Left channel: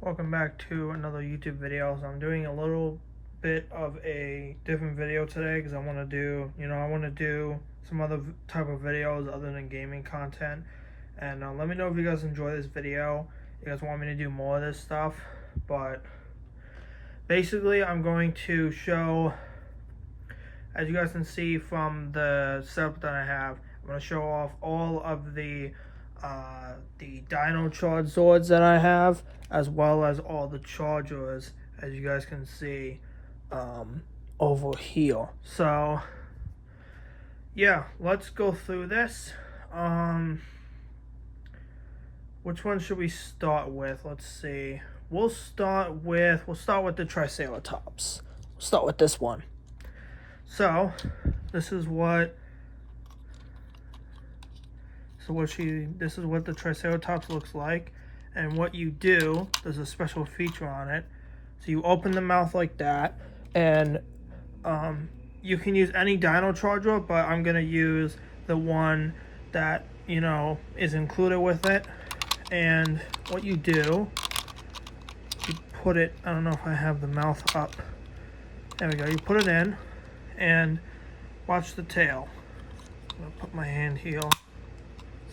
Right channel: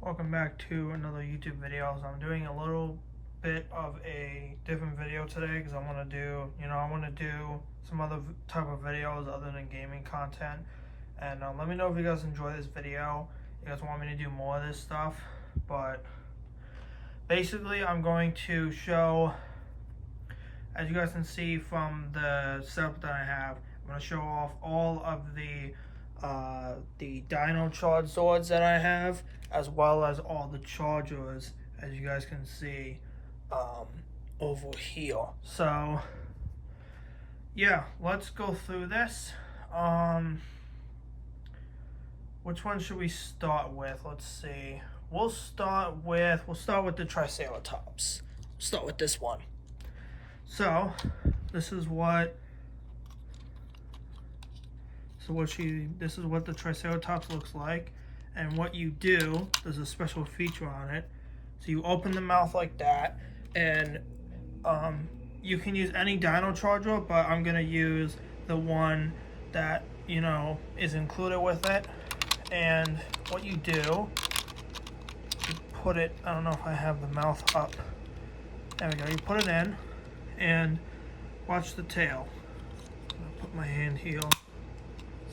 Welcome back to another YouTube video. So I'm doing a little bit of a different video today because I want to do some other type of videos other than gaming content. And let me know if you guys enjoy this video. You guys want me to do more of this stuff, but basically I'm going to show, as you guys can see from the setup that I have, I'm going to show off all of the Dino charge Zords that I have, as well as all the chargers, as you guys can see over here. So yeah, let's go through this. Which one should we start with? Let's see. We'll start with the Triceratops. We'll start with this one. So this is what the Triceratops looks like. And what you do, there's a special feature on it. So you open the mouth like that, and you can use any Dino charger, but I'm gonna use the one that is included with it. And what you do, you put it, I don't know if I have the mouth up. There we go. You put it in, and watch the tail. I'll put my hand here.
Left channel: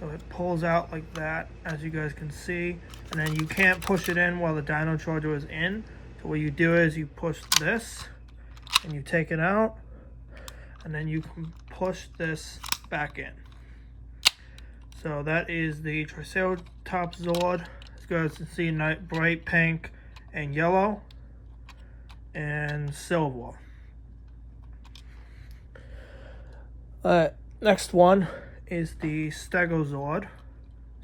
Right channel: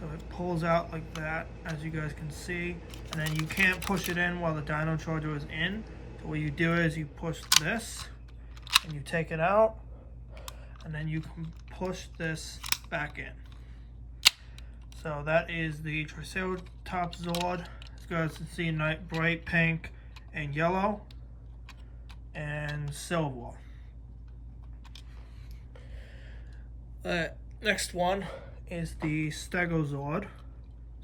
So it pulls out like that, as you guys can see. And then you can't push it in while the Dino charger is in. So what you do is you push this, and you take it out, and then you can push this back in. So that is the Triceratops Zord. As you guys can see, bright pink and yellow and silver. Next one is the Stego Zord.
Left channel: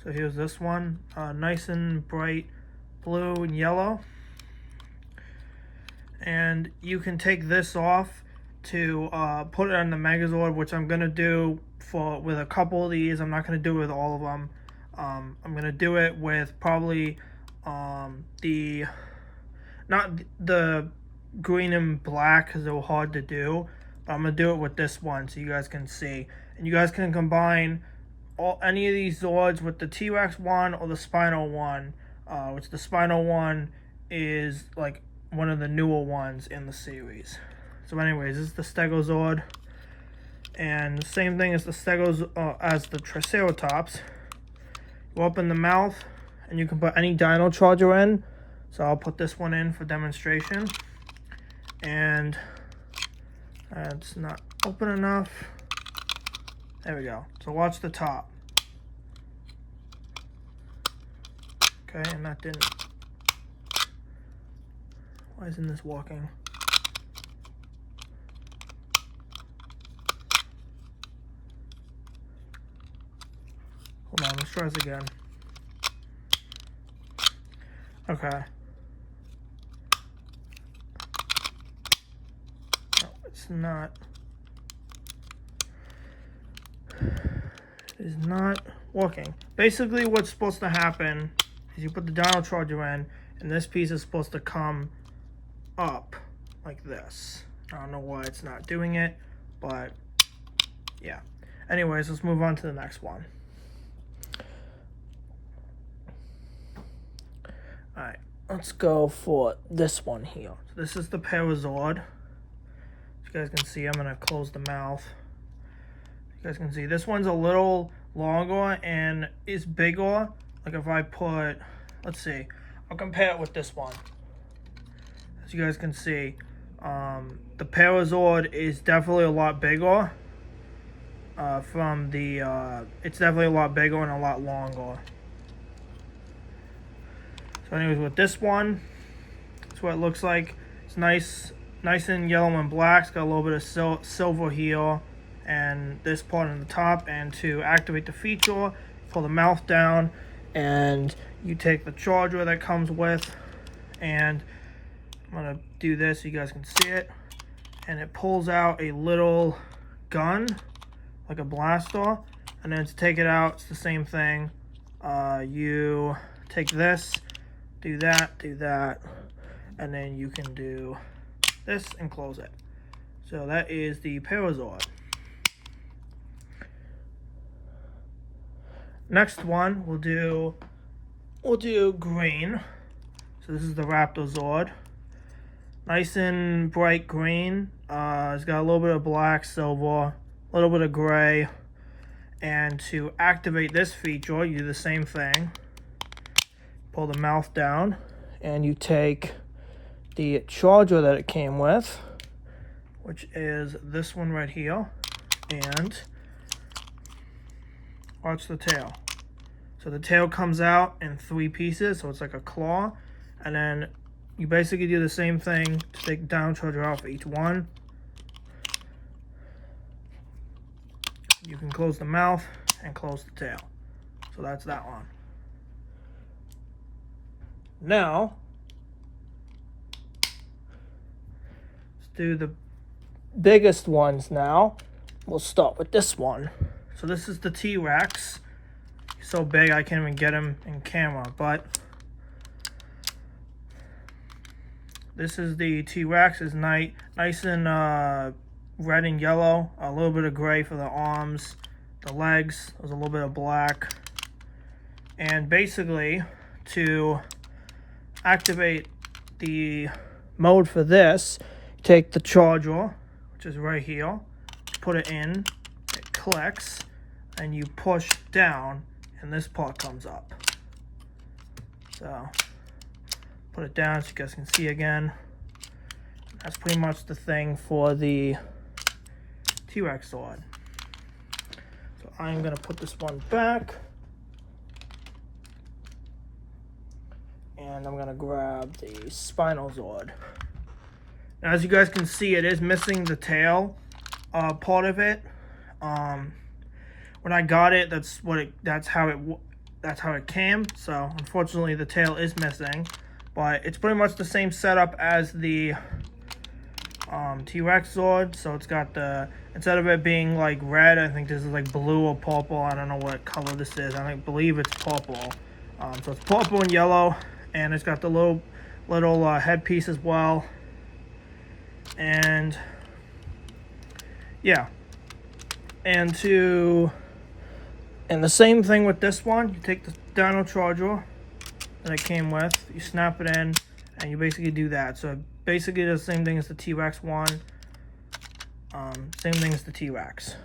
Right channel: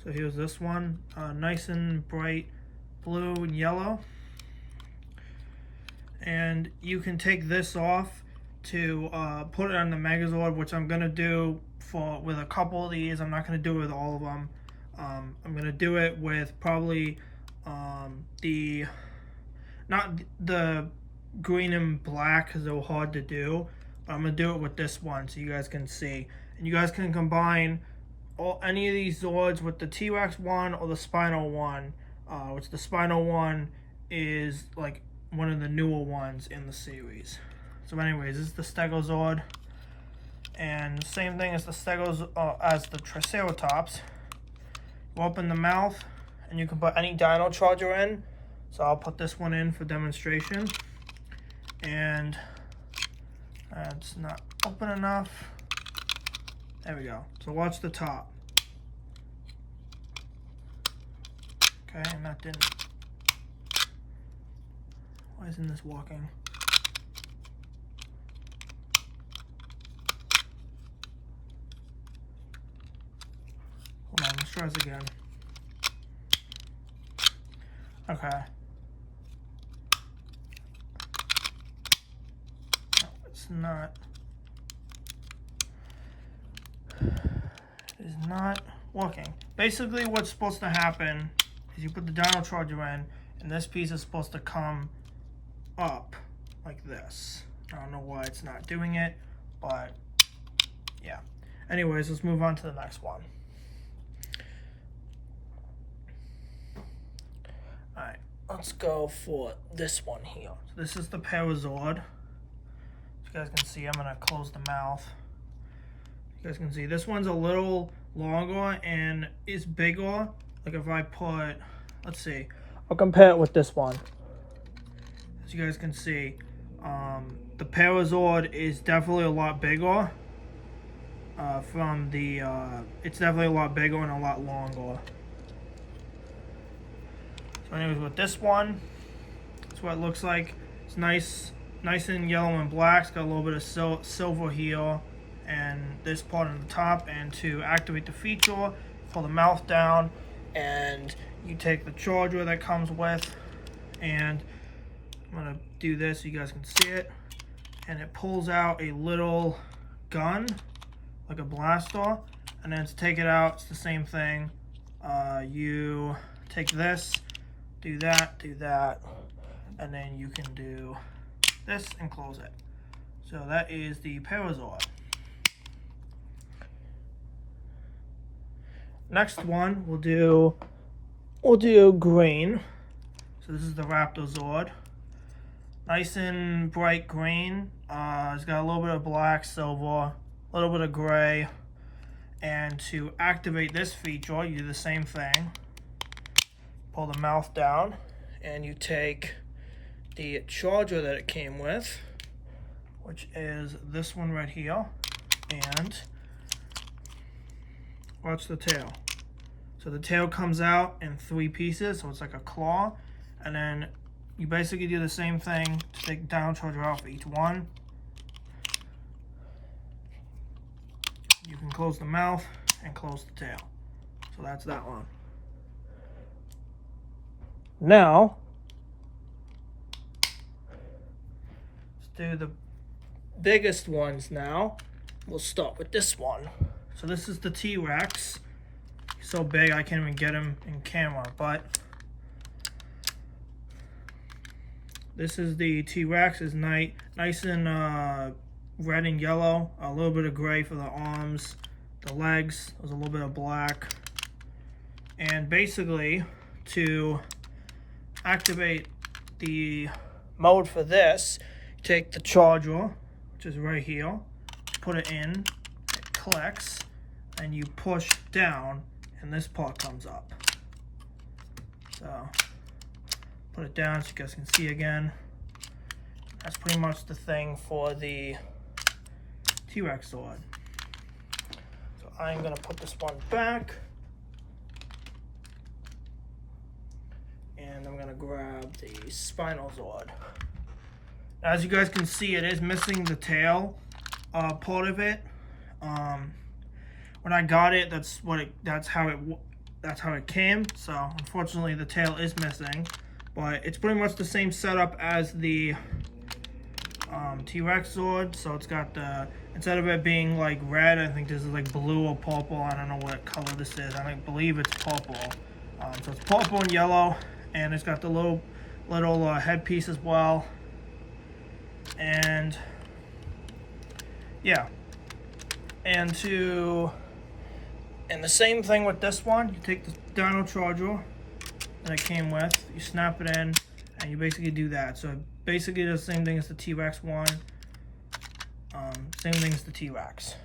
So here's this one, nice and bright blue and yellow. And you can take this off to put it on the Megazord, which I'm gonna do with a couple of these. I'm not gonna do it with all of them. I'm gonna do it with probably not the green and black because they're hard to do, but I'm gonna do it with this one so you guys can see. And you guys can combine any of these Zords with the T-Rex one or the Spino one, which the Spino one is like one of the newer ones in the series. So anyways, this is the Stego Zord. And same thing as as the Triceratops. You open the mouth, and you can put any Dino charger in. So I'll put this one in for demonstration. And it's not open enough. There we go. So watch the top. Okay, and that didn't. Why isn't this walking? Hold on, let's try this again. Okay. No, it's not. It is not working. Basically, what's supposed to happen is you put the Dino charger in, and this piece is supposed to come up like this. I don't know why it's not doing it, but yeah. Anyways, let's move on to the next one. Alright, let's go for this one here. So this is the Megazord. As you guys can see, I'm going to close the mouth. You guys can see this one's a little longer and is bigger. Like if I put, let's see, I'll compare it with this one. As you guys can see, the Megazord is definitely a lot bigger. It's definitely a lot bigger and a lot longer. So anyways, with this one, that's what it looks like. It's nice and yellow and black. It's got a little bit of silver here and this part on the top. And to activate the feature, pull the mouth down, and you take the charger that comes with, and I'm gonna do this so you guys can see it, and it pulls out a little gun like a blaster. And then to take it out, it's the same thing. You take this, do that, and then you can do this and close it. So that is the Megazord. Next one we'll do green. So this is the Rapto Zord. Nice and bright green. It's got a little bit of black, silver, a little bit of gray. And to activate this feature, you do the same thing. Pull the mouth down, and you take the charger that it came with, which is this one right here, and watch the tail. So the tail comes out in 3 pieces, so it's like a claw, and then you basically do the same thing to take down charger off each one. You can close the mouth and close the tail. So that's that one. Now, let's do the biggest ones now. We'll start with this one. So this is the T-Rex. He's so big I can't even get him in camera, but this is the T-Rex. It's nice and red and yellow, a little bit of gray for the arms, the legs, there's a little bit of black. And basically, to activate the mode for this, you take the charger, which is right here, put it in, it clicks, and you push down, and this part comes up. So, put it down so you guys can see again. That's pretty much the thing for the T-Rex Zord. So I'm going to put this one back. And I'm going to grab the Spino Zord. Now, as you guys can see, it is missing the tail part of it. When I got it, that's how it came. So unfortunately, the tail is missing, but it's pretty much the same setup as the T-Rex Zord. So it's got the, instead of it being like red, I think this is like blue or purple. I don't know what color this is. I believe it's purple. So it's purple and yellow, and it's got the little headpiece as well. And yeah, and the same thing with this one. You take the Dino charger that it came with, you snap it in, and you basically do that. So basically the same thing as the T-Rex one, same thing as the T-Rex.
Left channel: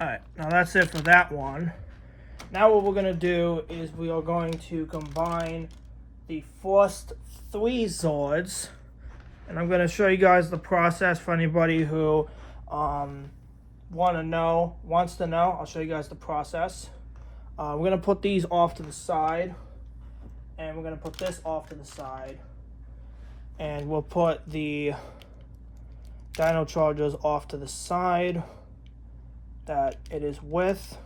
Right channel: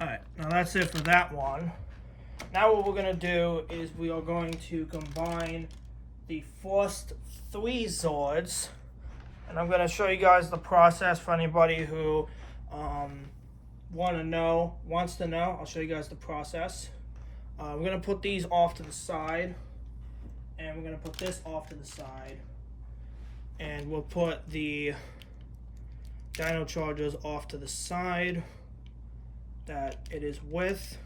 Alright, now that's it for that one. Now what we're going to do is we are going to combine the first 3 Zords, and I'm going to show you guys the process for anybody who wants to know. I'll show you guys the process. We're going to put these off to the side, and we're going to put this off to the side, and we'll put the Dino chargers off to the side that it is with.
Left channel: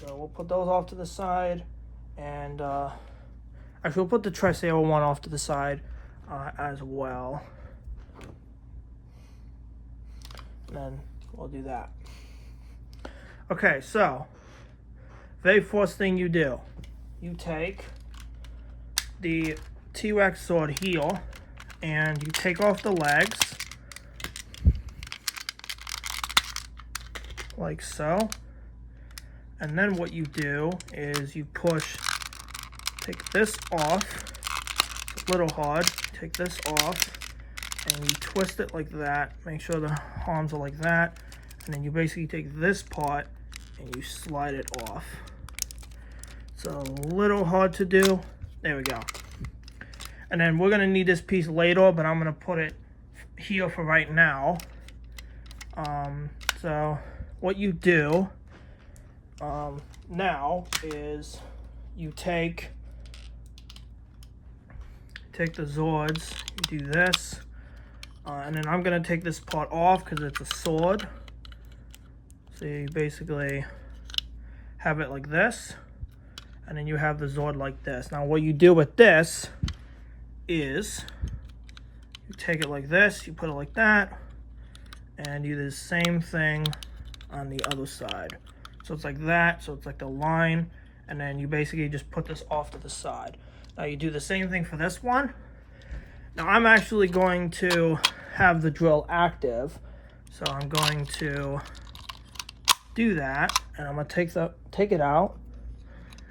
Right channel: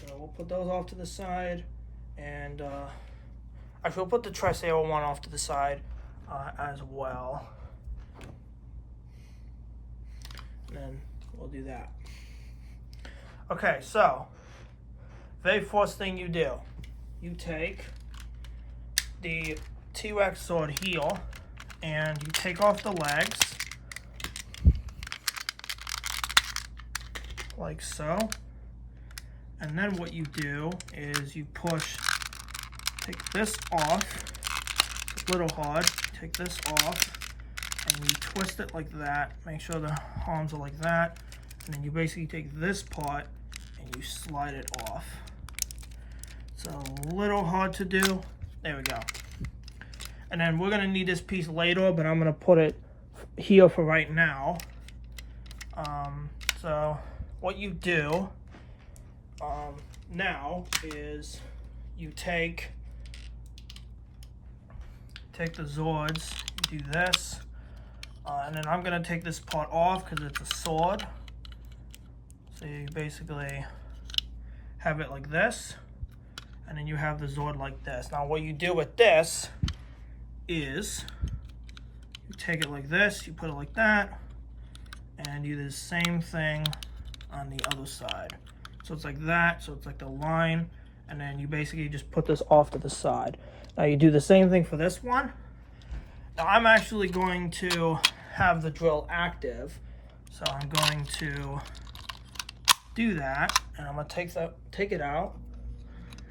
So we'll put those off to the side, and actually we'll put the Tricera one off to the side as well. And then we'll do that. Okay, so very first thing you do, you take the T-Rex Zord here, and you take off the legs, like so. And then what you do is you take this off. It's a little hard. Take this off, and you twist it like that. Make sure the arms are like that. And then you basically take this part and you slide it off. It's a little hard to do. There we go. And then we're going to need this piece later, but I'm going to put it here for right now. So what you do now is you take the Zords, you do this, and then I'm going to take this part off because it's a sword. So you basically have it like this, and then you have the Zord like this. Now what you do with this is you take it like this, you put it like that, and you do the same thing on the other side. So it's like that, so it's like the line, and then you basically just put this off to the side. Now you do the same thing for this one. Now I'm actually going to have the drill active, so I'm going to do that, and I'm going to take it out,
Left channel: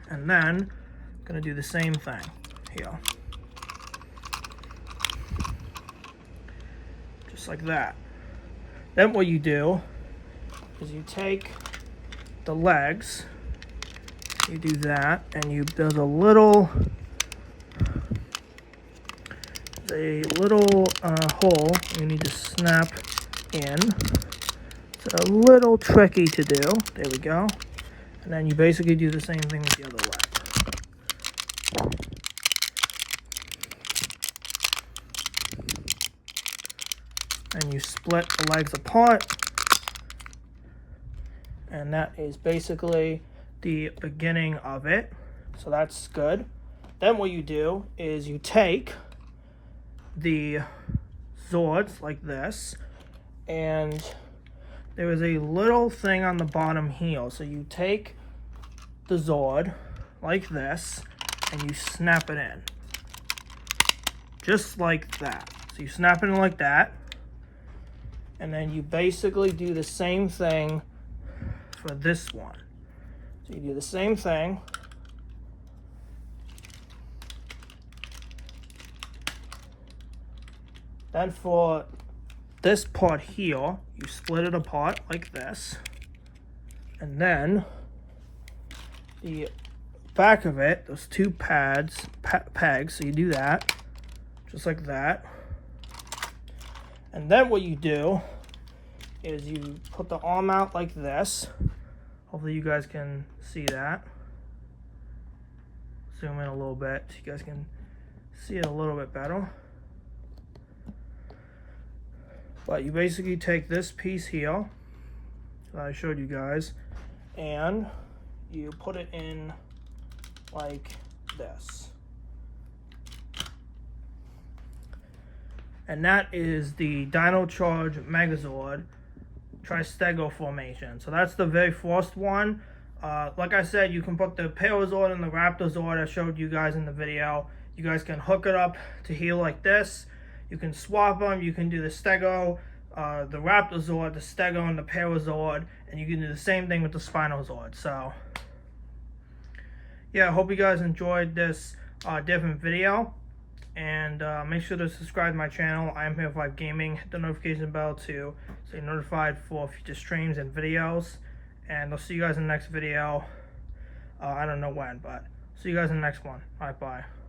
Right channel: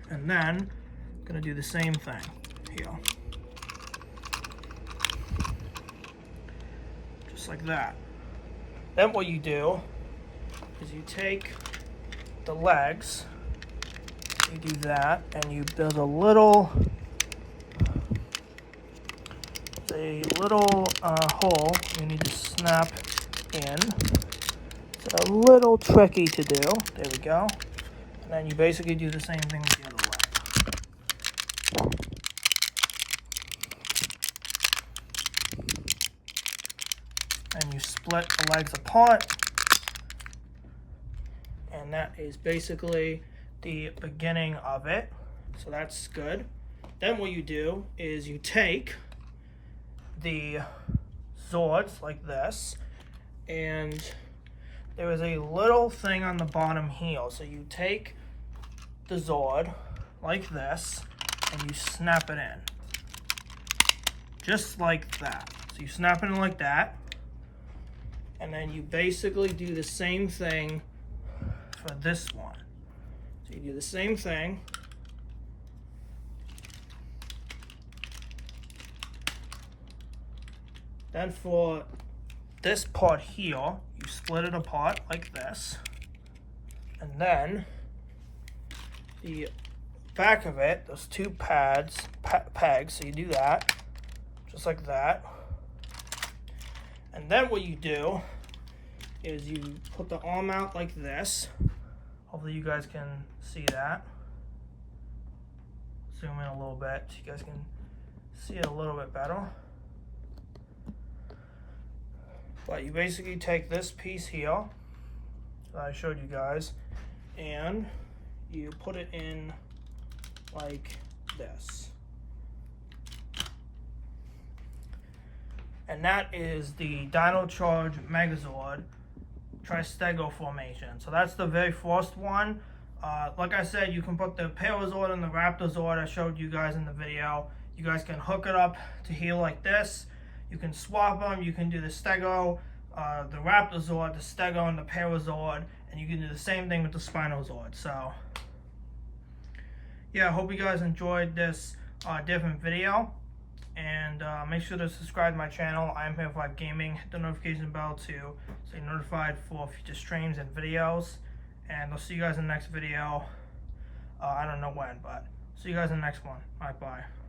And then I'm gonna do the same thing here. Just like that. Then what you do is you take the legs, you do that, and there's a little hole you need to snap in. It's a little tricky to do. There we go. And then you basically do the same thing with the other leg. And you split the legs apart. And that is basically the beginning of it. So that's good. Then what you do is you take the Zords like this, and there is a little thing on the bottom heel. So you take the Zord like this and you snap it in. Just like that. So you snap it in like that. And then you basically do the same thing for this one. So you do the same thing. Then for this part here, you split it apart like this. And then the back of it, those two pegs, so you do that, just like that. And then what you do is you put the arm out like this. Hopefully you guys can see that. Zoom in a little bit so you guys can see it a little bit better. But you basically take this piece here that I showed you guys, and you put it in like this. And that is the Dino Charge Megazord Tricera formation. So that's the very first one. Like I said, you can put the Megazord and the Rapto Zord I showed you guys in the video. You guys can hook it up to heel like this. You can swap them. You can do the Stego, the Rapto Zord, the Stego, and the Megazord, and you can do the same thing with the Spino Zord. So yeah, I hope you guys enjoyed this different video, and make sure to subscribe to my channel. I'm here for gaming. Hit the notification bell to stay notified for future streams and videos, and I'll see you guys in the next video. I don't know when, but see you guys in the next one. All right, bye.